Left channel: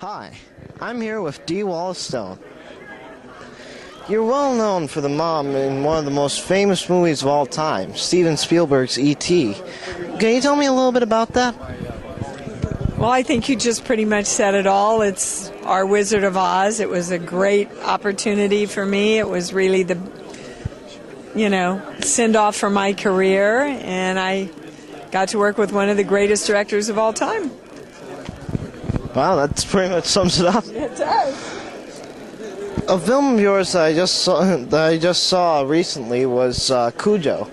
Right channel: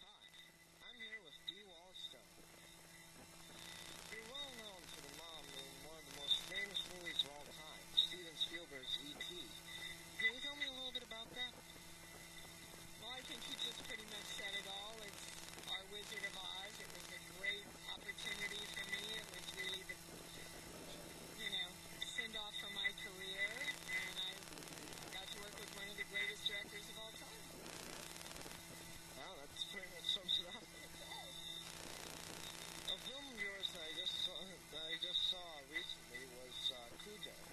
Hi, I'm here with D. Wallace Stone. You're well known for the mom in one of the most famous movies of all time, Steven Spielberg's E.T. Can you tell me a little bit about that? Well, I think you just pretty much said it all. It's our Wizard of Oz. It was a great opportunity for me. It was really the, send-off for my career, and I got to work with one of the greatest directors of all time. Wow, that pretty much sums it up. It does. A film of yours that I just saw recently was Cujo.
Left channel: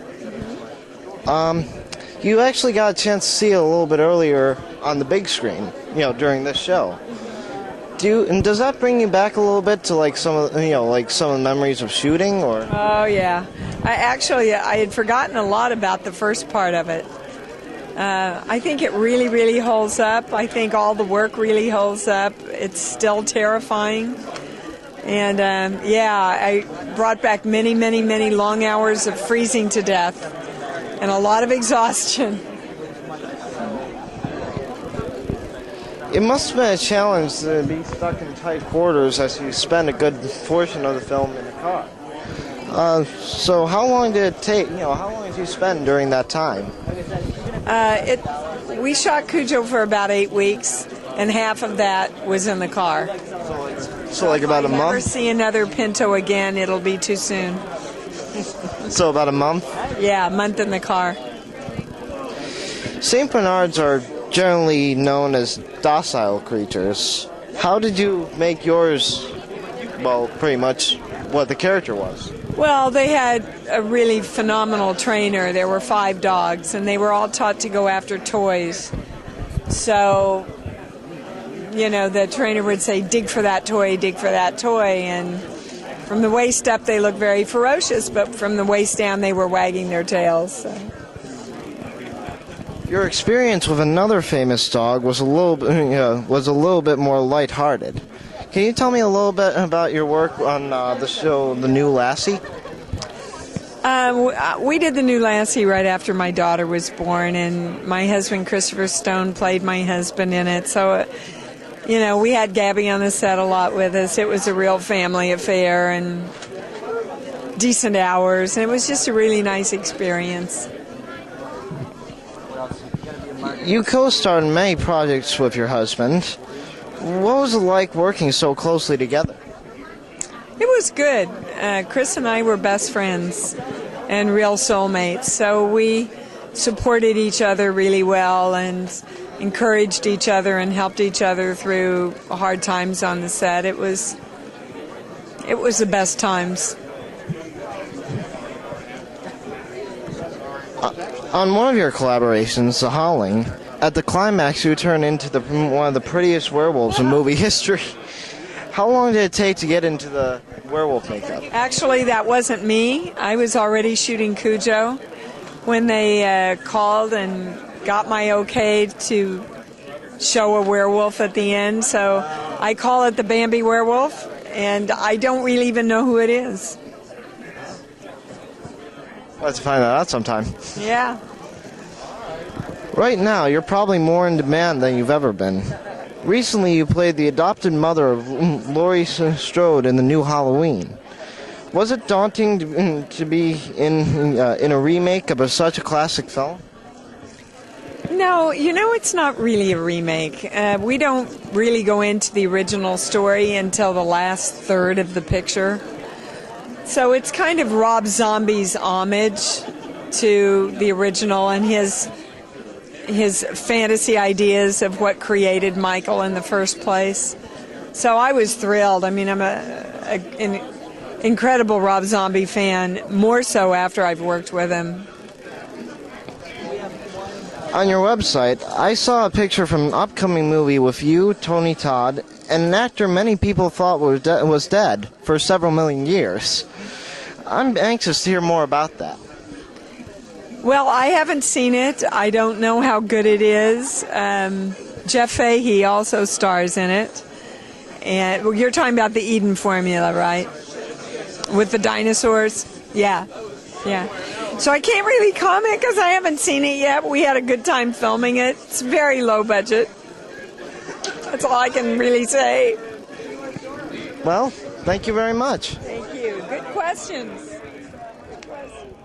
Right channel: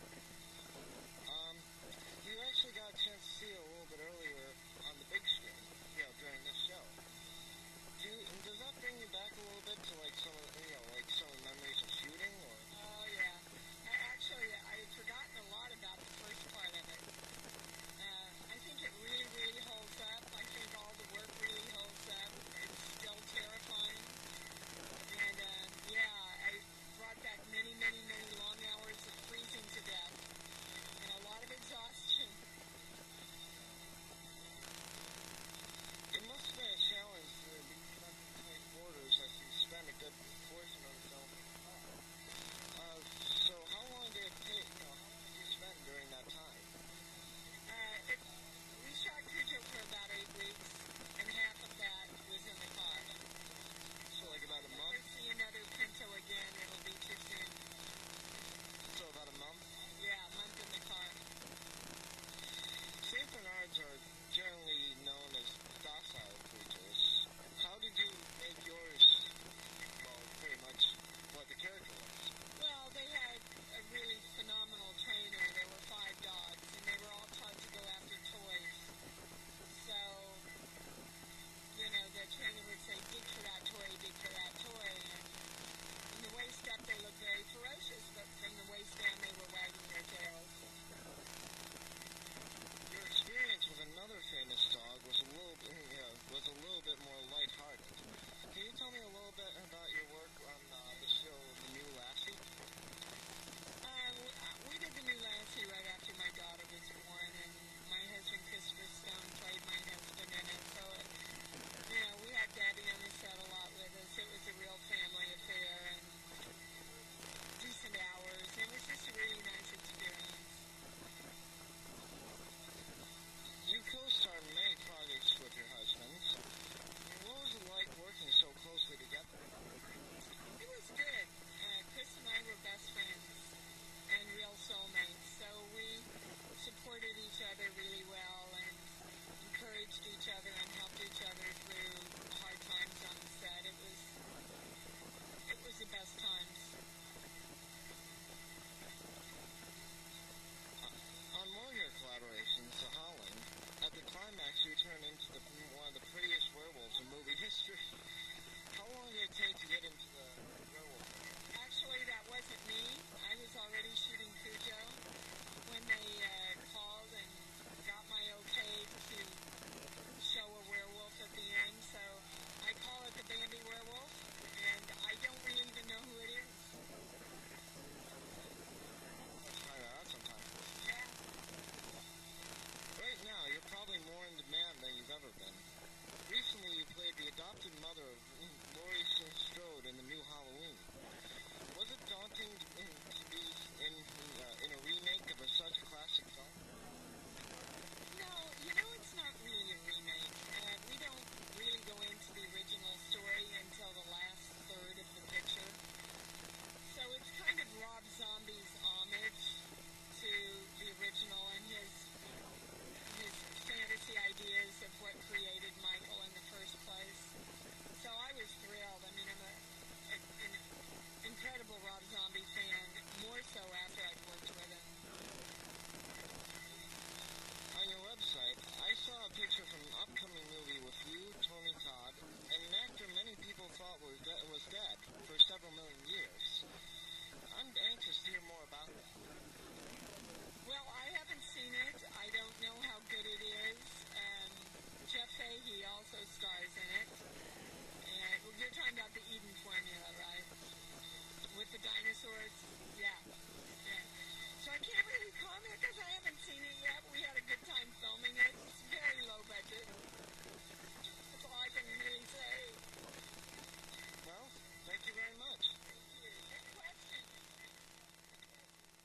You actually got a chance to see it a little bit earlier on the big screen, during this show. Does that bring you back a little bit to some of the memories of shooting, or? Oh yeah, I had forgotten a lot about the first part of it. I think it really, really holds up. I think all the work really holds up. It's still terrifying. And I brought back many, many, many long hours of freezing to death and a lot of exhaustion. It must have been a challenge to be stuck in tight quarters as you spend a good portion of the film in the car. So how long did it take, how long did you spend during that time? We shot Cujo for about 8 weeks, and half of that was in the car. So about a month? If I never see another Pinto again, it'll be too soon. So about a month? Yeah, a month in the car. St. Bernards are generally known as docile creatures. How did you make yours, pretty much what the character was? Well, they had a really phenomenal trainer. There were 5 dogs, and they were all taught to go after toys. So, the trainer would say, dig for that toy, and from the waist up they looked very ferocious, but from the waist down they were wagging their tails. So. Your experience with another famous dog was a little bit more lighthearted. Can you tell me a little bit about your work on the show, The New Lassie? We did The New Lassie right after my daughter was born, and my husband Christopher Stone played my husband in it. So, we had Gabby on the set a lot with us. It was a real family affair and decent hours, and it was just a really nice experience. You co-starred in many projects with your husband. What was it like working so closely together? It was good. Chris and I were best friends and real soulmates, so we supported each other really well and encouraged each other and helped each other through hard times on the set. It was the best times. On one of your collaborations, The Howling, at the climax you turn into one of the prettiest werewolves in movie history. How long did it take to get into the werewolf makeup? Actually, that wasn't me. I was already shooting Cujo when they called and got my okay to show a werewolf at the end. So I call it the Bambi Werewolf, and I don't really even know who it is. Let's find that out sometime. Yeah. Right now, you're probably more in demand than you've ever been. Recently, you played the adopted mother of Laurie Strode in the new Halloween. Was it daunting to be in a remake of such a classic film? No, it's not really a remake. We don't really go into the original story until the last third of the picture. So it's kind of Rob Zombie's homage to the original and his fantasy ideas of what created Michael in the first place. So I was thrilled. I mean, I'm an incredible Rob Zombie fan, more so after I've worked with him. On your website, I saw a picture from an upcoming movie with you, Tony Todd, and an actor many people thought was dead for several million years. I'm anxious to hear more about that. Well, I haven't seen it. I don't know how good it is. Jeff Fahey also stars in it. And you're talking about the Eden formula, right? With the dinosaurs? Yeah. So I can't really comment because I haven't seen it yet. We had a good time filming it. It's very low budget. That's all I can really say. Well, thank you very much. Thank you. Good questions. Good questions.